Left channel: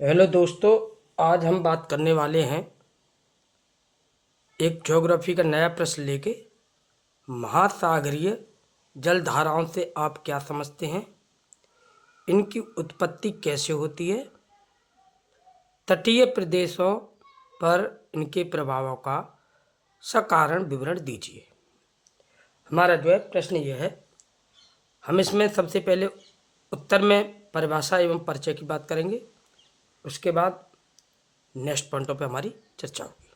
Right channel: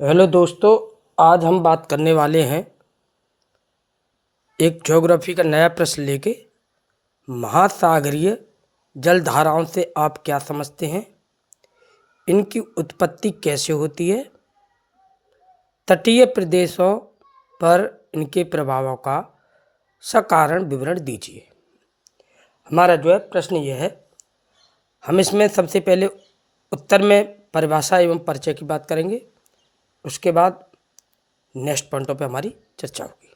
Hello दोस्तों, आज हम बात करने वाले हैं एक ज्योग्राफी का नया प्रश्न लेके। महासागरीय जलधाराओं से आप क्या समझते हैं, इनकी उत्पत्ति कैसे होती है, तटीय प्रदेशों पर इनके प्रभावों का सकारण विवरण दीजिए। हमारा जो है प्रश्न ये है, हम इसमें सबसे पहले उत्तर में परिभाषा एवं परिचय की बात करेंगे, उसके बाद नेक्स्ट पॉइंटों पे हमारी चर्चा होगी।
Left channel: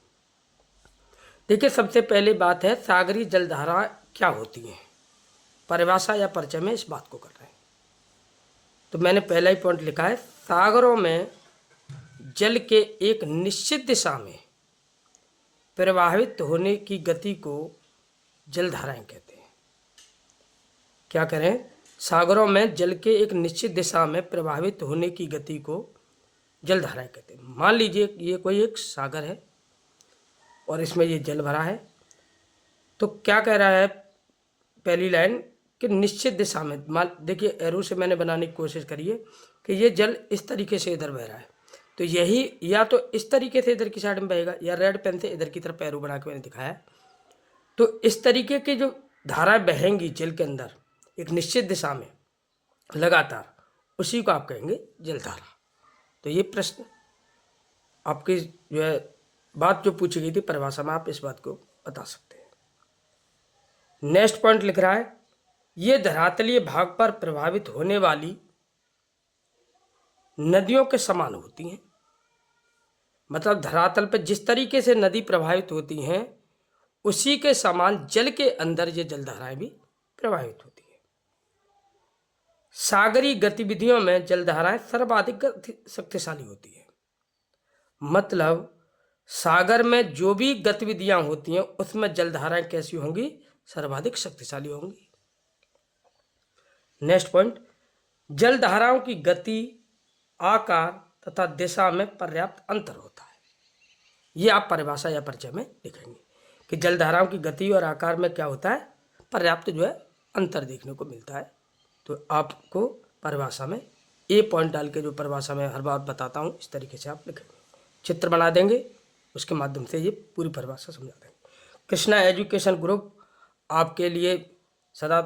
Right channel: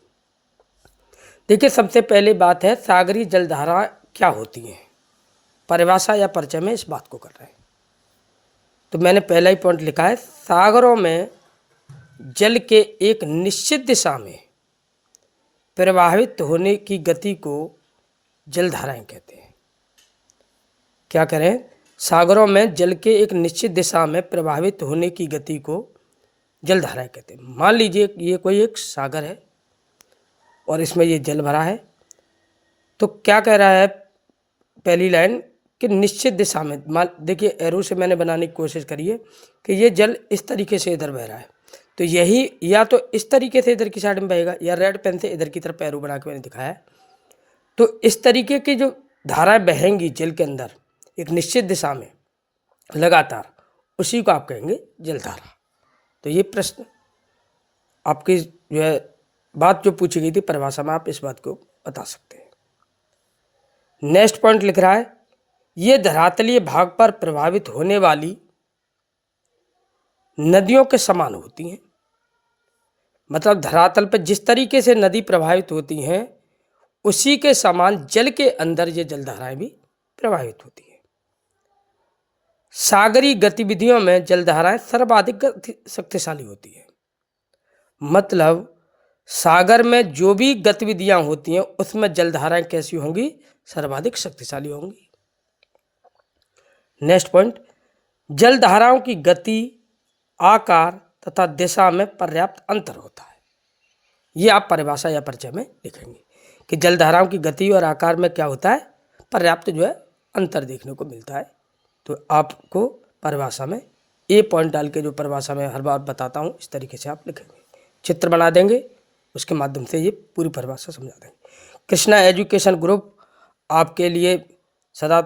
देखिए, सबसे पहले बात है सागरीय जलधारा क्या होती हैं। परिभाषा या परिचय में इस बात को कर रहे हैं, तो मैंने पहला ही पॉइंट लिखा है, सागरों में जल के एक निश्चित दिशा में प्रवाहित होने की गति को जलधाराएं कहते हैं। क्या करें, सागरों में जल के एक निश्चित दिशा में प्रवाहित होने की गति को जलधाराएं कहते हैं। मान लीजिए ये कोई एक सागर है और इसमें ये जल भरा है, तो क्या कह रहा है पहली लाइन कि निश्चित दिशा में, मान देखिए एरो से मैंने बनाने की कोशिश करी है कि ये जल इस तरीके से इधर बह रहा है, तो यही या तो इस तरीके से इधर की साइड में बहेगा या रेड पेन से इधर की तरफ एरो बना के मैंने दिखाया है। तो इस तरीके की जो धाराएं बहेंगी जल के अंदर एक निश्चित दिशा में लगातार, उसी को आप कहेंगे जलधारा। तो ये प्रश्न आपकी जो है बात जो पूछी गई थी परिभाषा में, आप इस बात को बता सकते हैं। नेक्स्ट पॉइंट लिख रहा है, ये धरातलीय भाग पर प्रभावित होने वाली नदियों के समान होती हैं। मतलब धरातल पर जिस तरीके से नदी प्रभावित होती हैं, उसी के समान जल के अंदर ये जलधाराएं भी प्रभावित होती हैं। सागरीय गतिविधियों में जलधाराएं सर्वाधिक शक्तिशाली होती हैं। मतलब सागर में जो भी गतिविधियां होती हैं उसमें जलधाराएं कैसी होंगी, सर्वाधिक शक्तिशाली होंगी। नेक्स्ट पॉइंट, जलधाराओं की गति, आकार तथा दिशा में पर्याप्त अंतर होता है। ये आप परिभाषा या परिचय में लिखेंगे कि जलधाराओं की गति और आकार में क्या होता है, पर्याप्त जो है अंतर देखने को मिलता है। तो आपको परिभाषा में ए पॉइंट डाल के, जो परिभाषा में हर बार बताता हूँ, इस तरीके से आप लिखेंगे, चित्र बना देंगे, उसके माध्यम से ये पूरी परिभाषा समझा देंगे। कृष्णा एजुकेशन ग्रुप आपके लिए सदा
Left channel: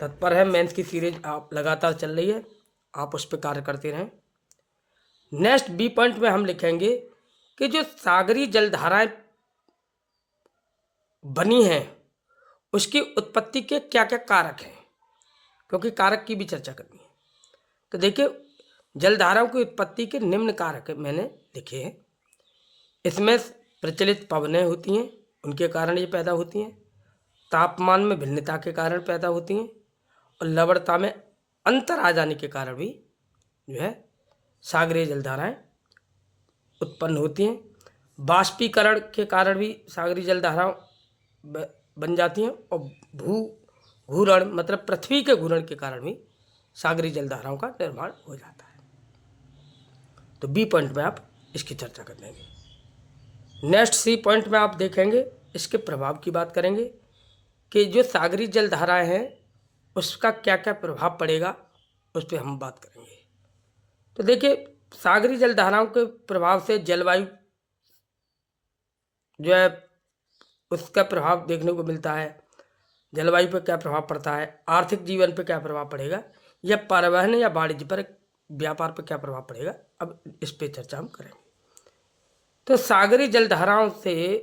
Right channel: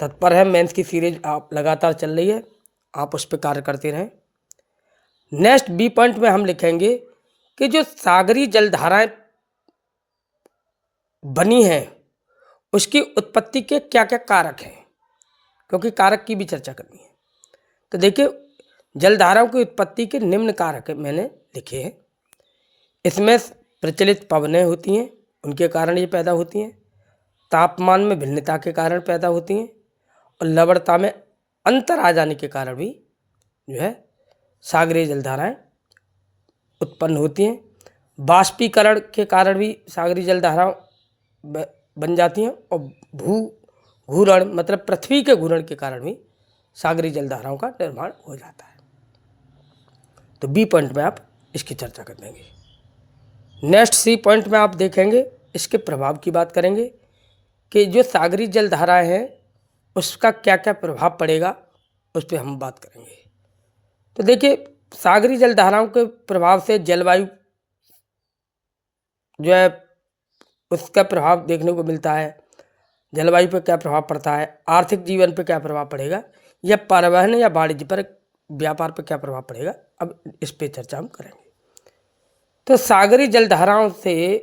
तत्पर है। मेंस की सीरीज आप लगातार चल रही है, आप उस पर कार्य करते रहें। नेक्स्ट बी पॉइंट में हम लिखेंगे कि जो सागरीय जलधाराएं बनी हैं उसकी उत्पत्ति के क्या क्या कारक हैं, क्योंकि कारक की भी चर्चा करनी है। तो देखिए, जलधाराओं की उत्पत्ति के निम्न कारक मैंने लिखे हैं। इसमें प्रचलित पवनें होती हैं, उनके कारण ये पैदा होती हैं। तापमान में भिन्नता के कारण पैदा होती हैं, और लवणता में अंतर आ जाने के कारण भी जो है सागरीय जलधाराएं उत्पन्न होती हैं। बाष्पीकरण के कारण भी सागरीय जलधाराएं बन जाती हैं, और घूर्ण मतलब पृथ्वी के घूर्ण के कारण भी सागरीय जलधाराओं का निर्माण हो जाता है। तो बी पॉइंट में आप इसकी चर्चा कर देंगे। नेक्स्ट सी पॉइंट में आप देखेंगे, इसके प्रभाव की बात करेंगे कि जो सागरीय जलधाराएं हैं उसका क्या क्या प्रभाव पड़ेगा, उस पर हम बात करेंगे। तो देखिए, सागरीय जलधाराओं के प्रभाव से जलवायु जो है उसका प्रभाव देखने को मिलता है। जलवायु पर क्या प्रभाव पड़ता है, आर्थिक जीवन पर क्या प्रभाव पड़ेगा, या परिवहन या वाणिज्य पर, व्यापार पर क्या प्रभाव पड़ेगा, अब इस पर चर्चा हम करेंगे। तो सागरीय जलधाराओं से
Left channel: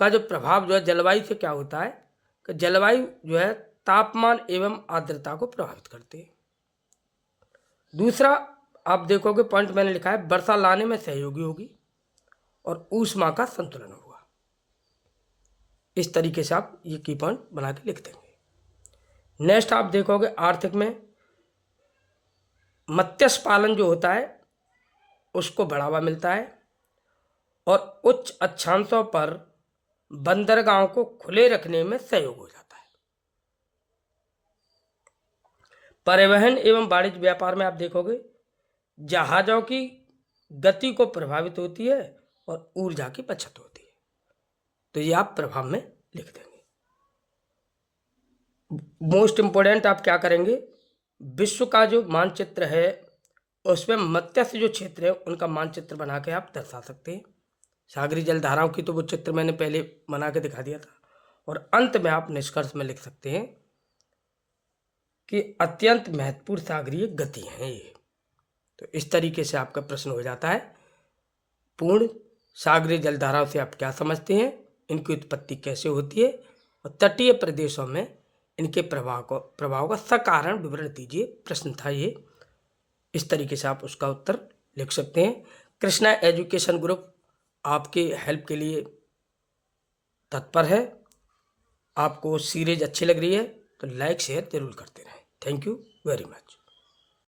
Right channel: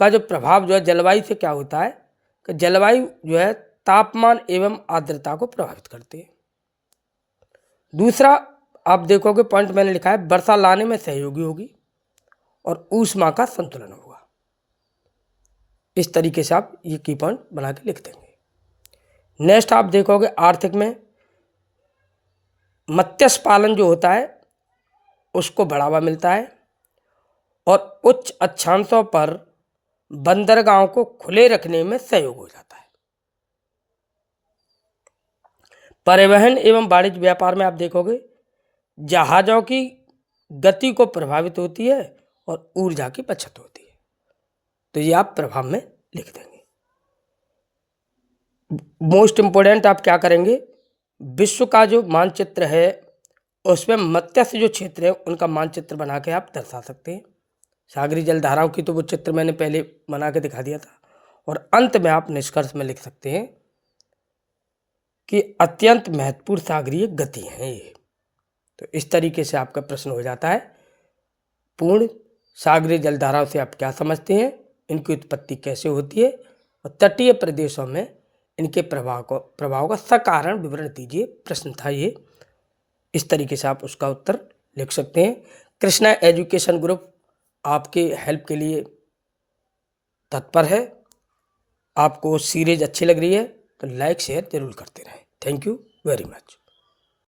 का जो प्रभाव जो है जलवायु से क्या होता है कि जलवायु जो है तापमान एवं आर्द्रता को प्रभावित करती है। दूसरा आप देखोगे पॉइंट मैंने लिखा है, वर्षा लाने में सहयोगी होगी और ऊष्मा का संतुलन होगा। इस तरीके से आप ये की पॉइंट बना के लिख देंगे। नेक्स्ट आप देखोगे आर्थिक में मत्स्य पालन जो होता है उसको बढ़ावा मिलता है, और उच्च अक्षांशों पर बंदरगाहों को खुले रखने में सहयोग हो जाता है। परिवहन एवं वाणिज्य व्यापार में आप देखोगे जहाज़ों की गति को प्रभावित होती है और ऊर्जा की बचत होती है। तो ये आप प्रभाव में लिख देंगे। मोस्ट इंपोर्टेंट आप क्या करेंगे, विश्व का जो मानचित्र है उसमें मत्स्य जो क्षेत्र है उनका मानचित्र बना के आप दर्शा सकते हैं। सागरी जलधाराओं की तो वो चित्र मैंने पहले बना के दिखा दिया था। और अंत में आप निष्कर्ष में लिख सकते हैं कि अत्यंत महत्वपूर्ण सागरीय गति है ये। तो इस तरीके से आपका प्रश्न हो जाता है। पूर्ण सागरीय जलधाराओं से आप क्या समझते हैं, इनकी उत्पत्ति कैसे होती है, और तटीय प्रदेशों में इनके प्रभाव का सकारण विवरण दीजिए। प्रश्न था ये। इस तरीके से आप उसका उत्तर लिख सकते हैं। कृष्णा एजुकेशन ग्रुप आपके हेल्प के लिए तत्पर है। आपको सीरीज अच्छी लग रही है तो लाइक शेयर जरूर करते रहें। Thank you very much.